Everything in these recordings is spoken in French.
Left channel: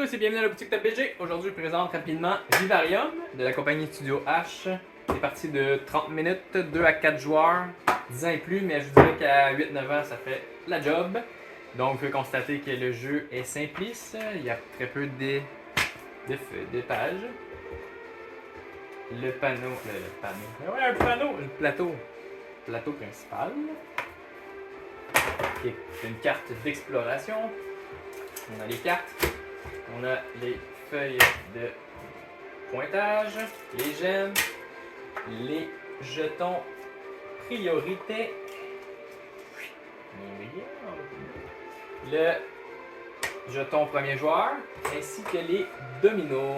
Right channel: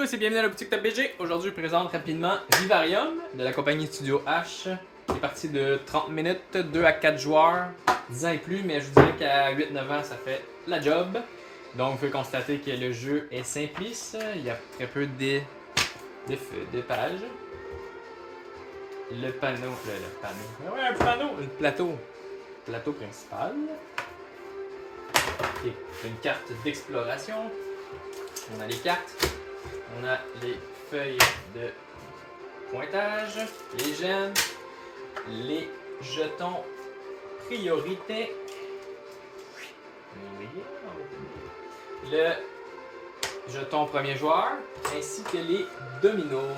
tous et bienvenue à la boutique Top BG. Aujourd'hui, je présente rapidement Vivarium de la compagnie Studio H. C'est parti de 30 minutes, 2 à 4 joueurs, 10 ans et plus, mais je vous dirais qu'à 8-9 ans, ça fait la job. Donc, vous pouvez constater que le jeu est simpliste. Il y a très peu de pages. Le panneau, le plateau principal. Et une carte d'exploration. On a les cartes, on a les feuilles de pointage, les gemmes, les jetons priorité, le jeton premier joueur, ainsi que les dominos.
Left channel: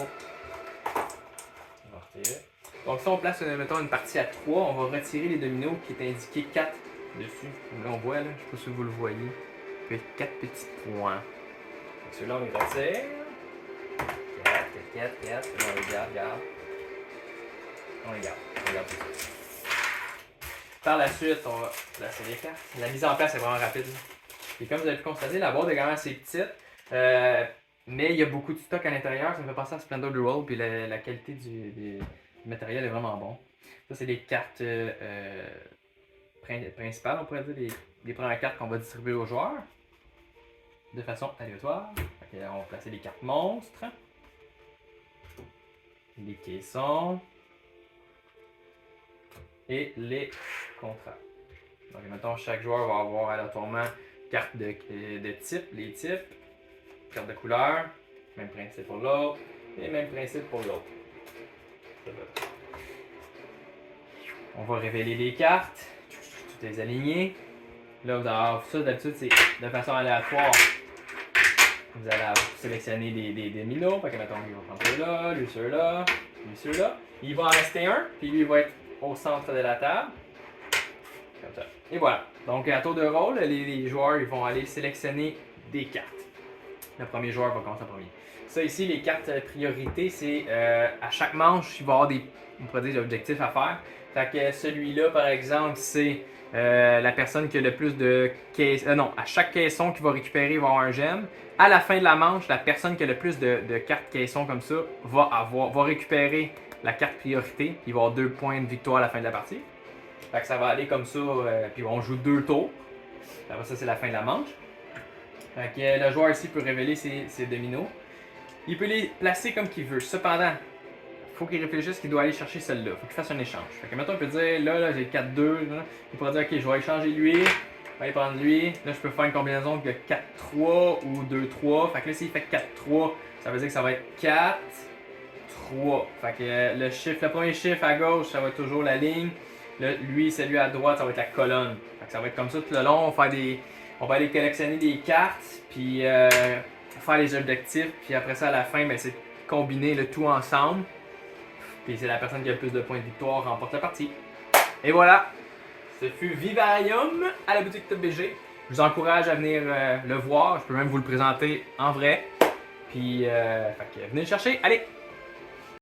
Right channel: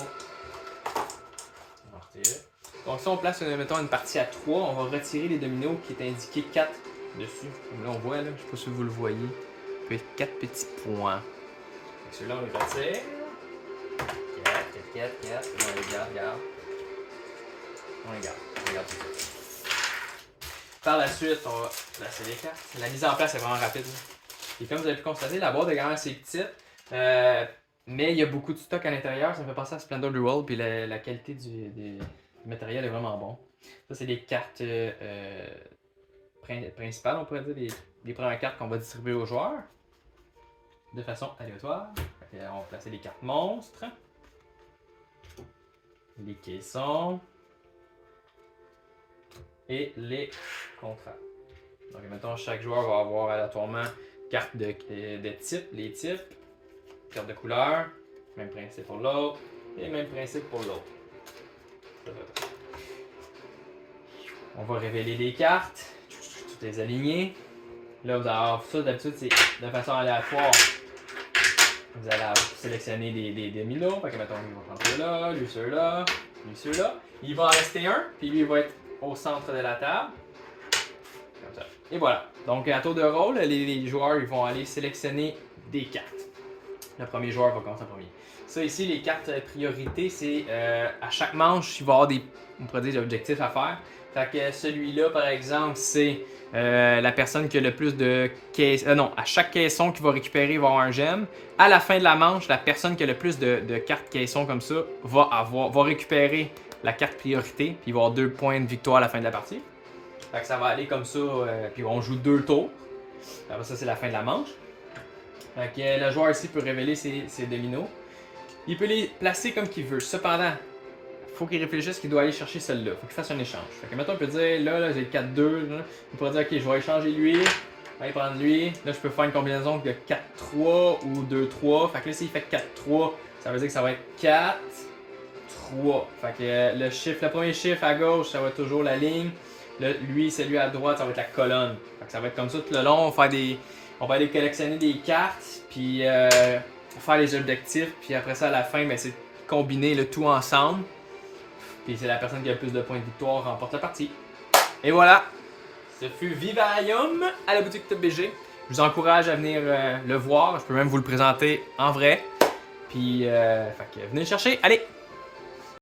Donc si on place mettons, une partie à 3, on va retirer les dominos qui est indiqué 4 dessus. Comme là on voit, là, je ne sais pas si vous le voyez, il peut être 4 petits points. Celui-là, on le retire. 4. On les garde. On les garde tout de suite. Par la suite, on va placer les cartes. La mise en place est vraiment rapide. Et comme vous avez pu constater, la boîte est quand même assez petite. Mais il y a beaucoup de stock à l'intérieur. Ça me fait penser à Splendor Duel. Puis la qualité du matériel est vraiment bon. Ça, c'est les cartes principales, on pourrait dire. Les premières cartes qu'on va distribuer aux joueurs. De façon aléatoire. On va placer les cartes monstres, les caissons et les contrats. Donc, mettons, chaque joueur va avoir aléatoirement carte de type, les types, carte de couleur, même principe pour l'autre et même principe pour l'autre. On va révéler les cartes, toutes les aligner. Là, vous allez avoir ça d'habitude, c'est de façon aléatoire. Vous allez sélectionner des dominos. Fait que mettons, il va prendre ceux-là, lui ceux-là, lui ceux-là. Il va en rester un, puis lui il va être au centre de la table. Comme ça. Et voilà. Donc à tour de rôle, les joueurs ils vont aller sélectionner des cartes. Le premier joueur va commencer en premier. Ça ici, les cartes priorité, c'est à chaque manche, il va y avoir des objectifs à faire. Fait que celui-là, par exemple, c'est la personne qui a le plus de caissons. Non, à chaque caisson qu'il va récupérer, il va avoir un gemme. À la fin de la manche, la personne qui a le plus de cartes caissons comme ça va récupérer la carte priorité, puis il va avoir 2 points de victoire à la fin de la partie. Fait que ça va aller comme ça, puis on joue 2 tours. Après ça, c'est la fin de la manche. Fait que le joueur ici peut révéler ses dominos. Il peut les placer comme qu'il veut. Cependant, il faut qu'il réfléchisse qu'il doit aller chercher celle-là. Il faut qu'il fasse un échange. Fait que mettons, on peut dire, là j'ai 4-2. Il pourrait dire, ok, je vais échanger lui. Je vais aller prendre lui. Là, je peux faire une combinaison de 4-3 ou 2-3. Fait que là, s'il fait 4-3, ça veut dire que ça va être 4, 3. Fait que le premier chiffre à gauche, ça va être toujours la ligne. Lui, celui à droite, ça va être la colonne. Fait que ça va être comme ça tout le long. On va aller collectionner des cartes, puis faire les objectifs. Puis après ça, à la fin, ben, c'est combiner le tout ensemble. Puis c'est la personne qui a le plus de points de victoire remporte la partie. Et voilà, ce fut Vivarium à la boutique Top BG. Je vous encourage à venir le voir. Je peux même vous le présenter en vrai. Puis, venez le chercher. Allez!